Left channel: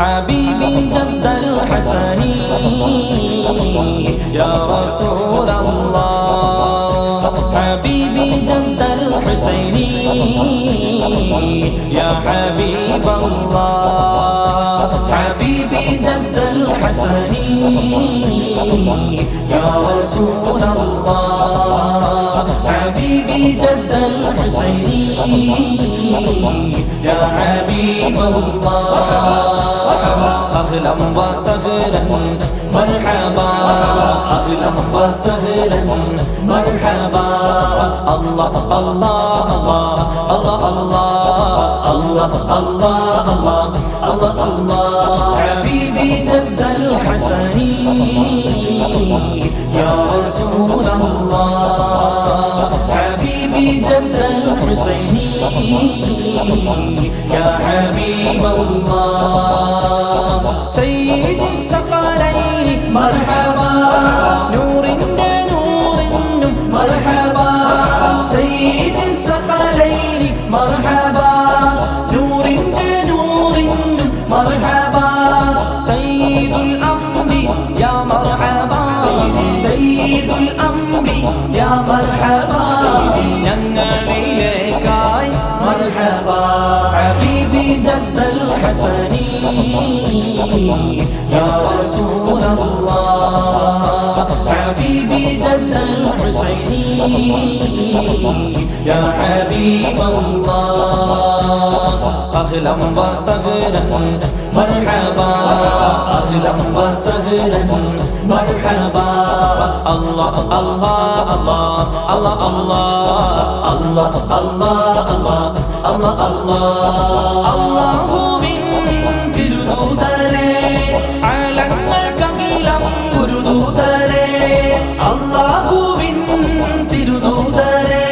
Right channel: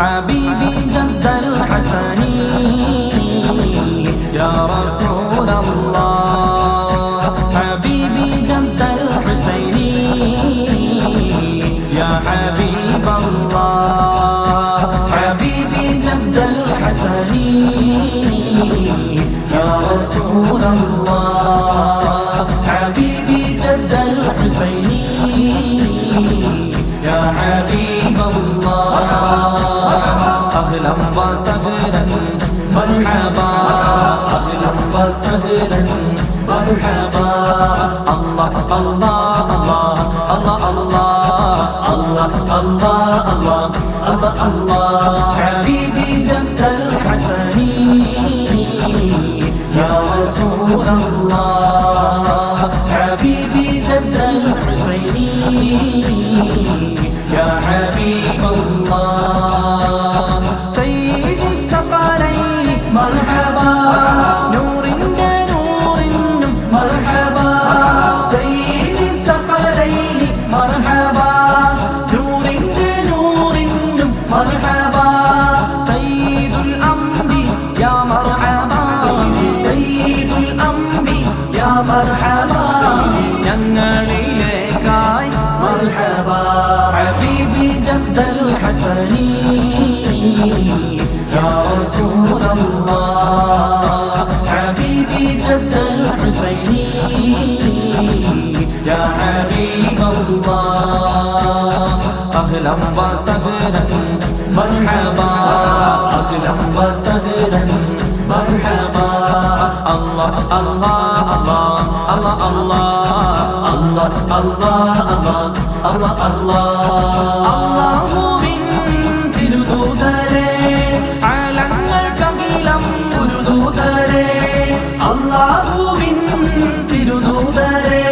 حبيبي جد الحسن يا رسول الله حبيبي جد الحسين يا حبيب الله حبيبي جد الحسن يا رسول الله حبيبي جد الحسين يا حبيب الله أهلا وسهلا مرحبا أهلا وسهلا مرحبا الله الله الله الله الله الله الله الله الله حبيبي جد الحسن يا رسول الله حبيبي جد الحسين يا حبيب الله سيد الثقلين مرحبا نور نور مرحبا سيد الثقلين مرحبا نور نور مرحبا سيد الأمر يا مرحبا سيد الأمر يا مرحبا ഞങ്ങളിലേക്കായി مرحبا حبيبي جد الحسن يا رسول الله حبيبي جد الحسين يا حبيب الله أهلا وسهلا مرحبا أهلا وسهلا مرحبا الله الله الله الله الله الله الله الله الله അലങ്ങൾക്കകിലം ഗുരുദൂതരേ അല്ലാഹുവിൻ തിരുദൂതരേ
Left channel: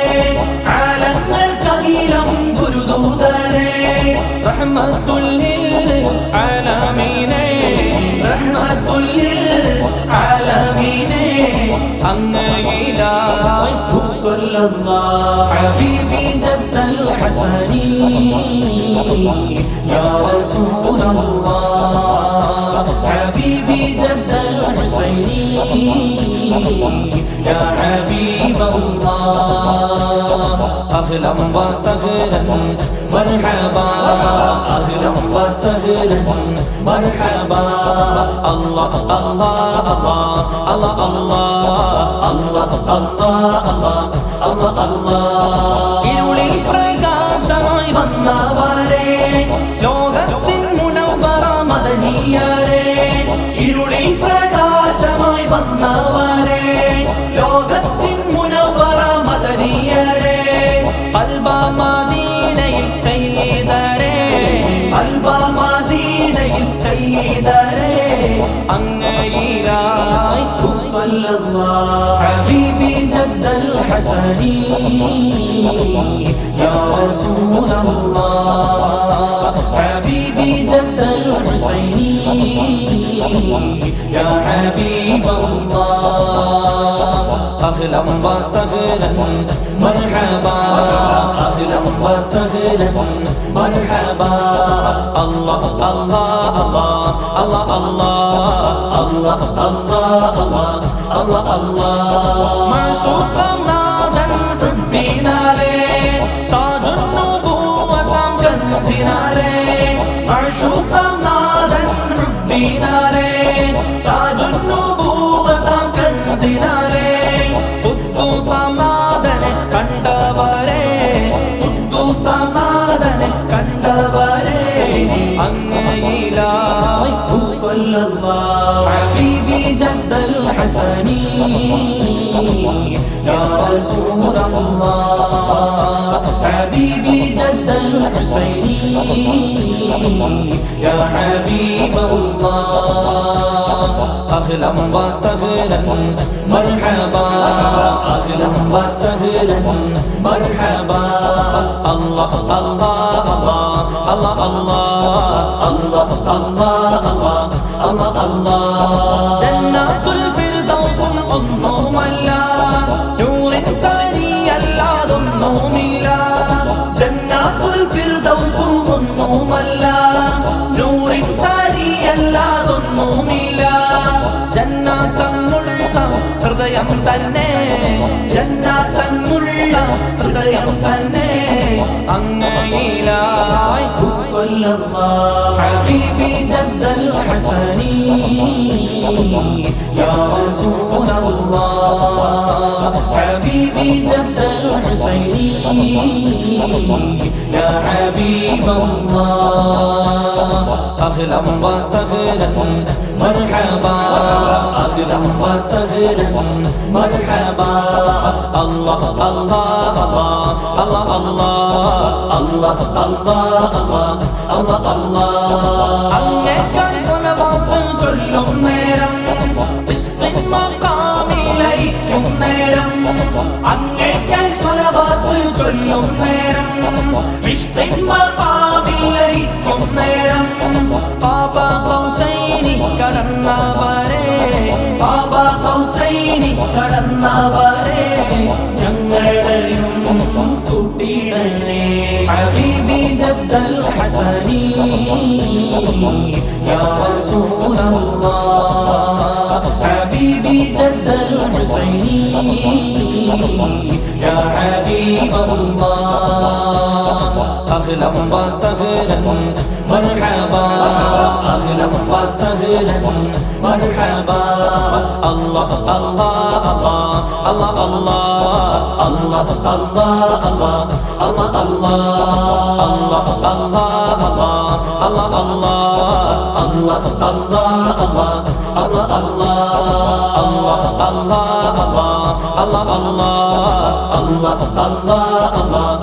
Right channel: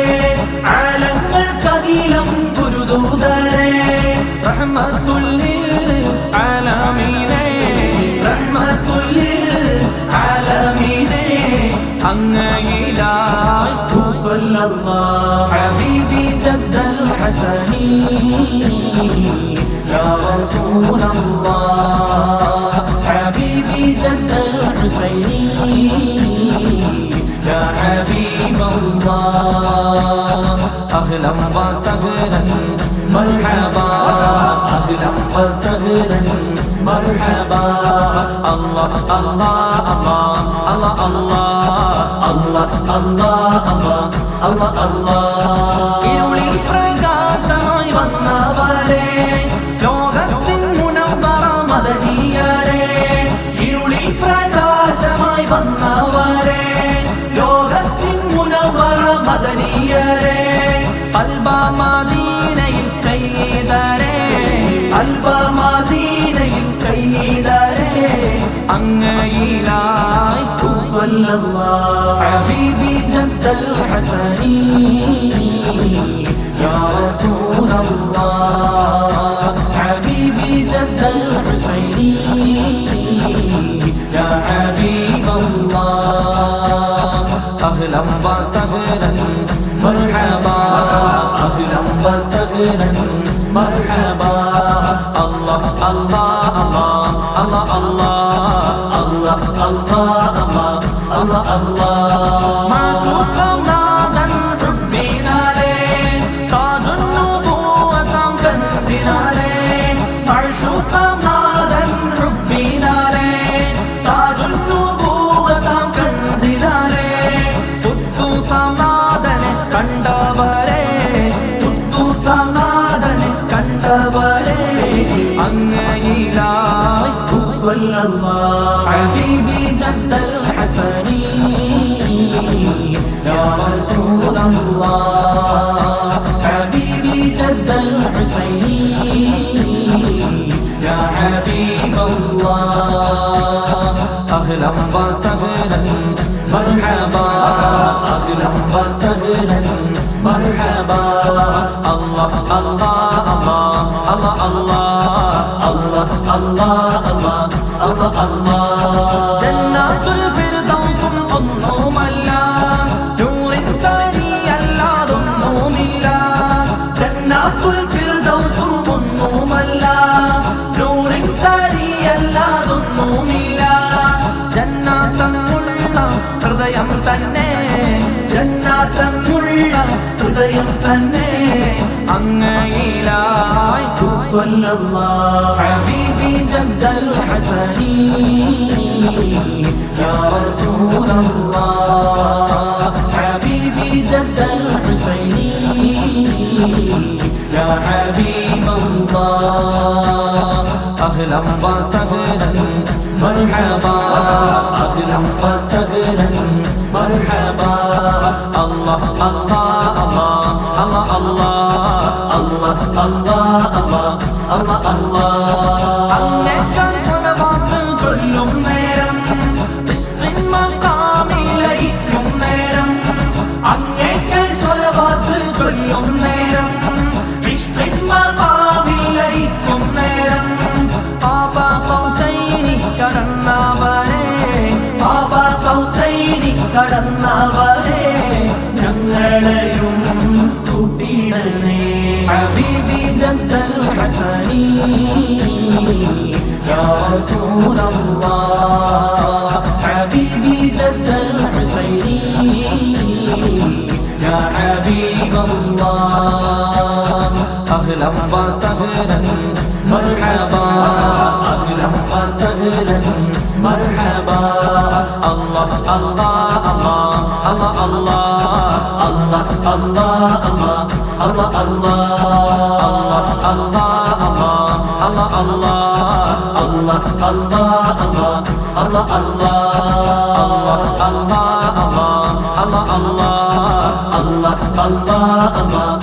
അലങ്ങൾക്കകിലം ഗുരുദൂതരേ റഹ്മത്തുൽ ലിൽ ആലമീനേ റഹ്മത്തുൽ ലിൽ ആലമീനേ അങ്ങയിലായി സ്വല്ലല്ലാഹു ഹബീബി ജദ്ദൽ ഹസനി യാ റസൂലല്ലാഹ് حبيبي جد الحسين يا حبيب الله أهلا وسهلا مرحبا أهلا وسهلا مرحبا الله الله الله الله الله الله الله ഇരുളിൽ പ്രകാശമായി വന്നവരേ ലോകത്തിൻ മുനവ്വറ മദനിയരേ ഇരുളിൽ പ്രകാശമായി വന്നവരേ ലോകത്തിൻ മുനവ്വറ മദനിയരേ ഖൽബ മദീനയിൽ സയ്യിദരേ ഖൽബ മദീനയിൽ സയ്യിദരേ അങ്ങയിലായി സ്വല്ലല്ലാഹു ഹബീബി ജദ്ദൽ ഹസനി യാ റസൂലല്ലാഹ് ഹബീബി ജദ്ദൽ ഹുസൈനി യാ ഹബീബല്ലാഹ് أهلا وسهلا مرحبا أهلا وسهلا مرحبا الله الله الله الله الله الله الله الله معشوق نادى حبنا ليه تاج النبوة كنزنا ليه معشوق نادى حبنا ليه تاج النبوة كنزنا ليه സമാധാനം കണ്ടവരെ സമാധാനം കണ്ടവരെ അങ്ങയിലായി ഹബീബി ജദ്ദൽ ഹസനി യാ റസൂലല്ലാഹ് ഹബീബി ജദ്ദൽ ഹുസൈനി യാ ഹബീബല്ലാഹ് أهلا وسهلا مرحبا أهلا وسهلا مرحبا الله الله الله الله الله الله الله الله جنات الفردوس الله نور تاري الله ഹൃദയം തന്നെ ജന്നാത്തെന്നുള്ള ഹൃദയം തന്നെ അങ്ങയിലായി സ്വല്ലല്ലാഹു ഹബീബി ജദ്ദൽ ഹസനി യാ റസൂലല്ലാഹ് ഹബീബി ജദ്ദൽ ഹുസൈനി യാ ഹബീബല്ലാഹ് أهلا وسهلا مرحبا أهلا وسهلا مرحبا الله الله الله الله الله الله الله الله الله അങ്ങേക്കാൾ സ്വലവാത്ത് ചൊല്ലും നേരം ഇസ്ഖിൻ മഖാമിലൈക്കും നേരം അങ്ങേക്കാൾ സ്വലവാത്ത് ചൊല്ലും നേരം ഇസ്ഖിൻ മഖാമിലൈക്കും നേരം പാപ കൗസൈനി കടന്നവരെ പാപ കൗസൈനി കടന്നവരെ ഞങ്ങളെയും കൂട്ടിയിടണേ ഹബീബി ജദ്ദൽ ഹസനി യാ റസൂലല്ലാഹ് ഹബീബി ജദ്ദൽ ഹുസൈനി യാ ഹബീബല്ലാഹ് أهلا وسهلا مرحبا أهلا وسهلا مرحبا الله الله الله الله الله الله الله الله الله الله الله الله الله الله الله الله الله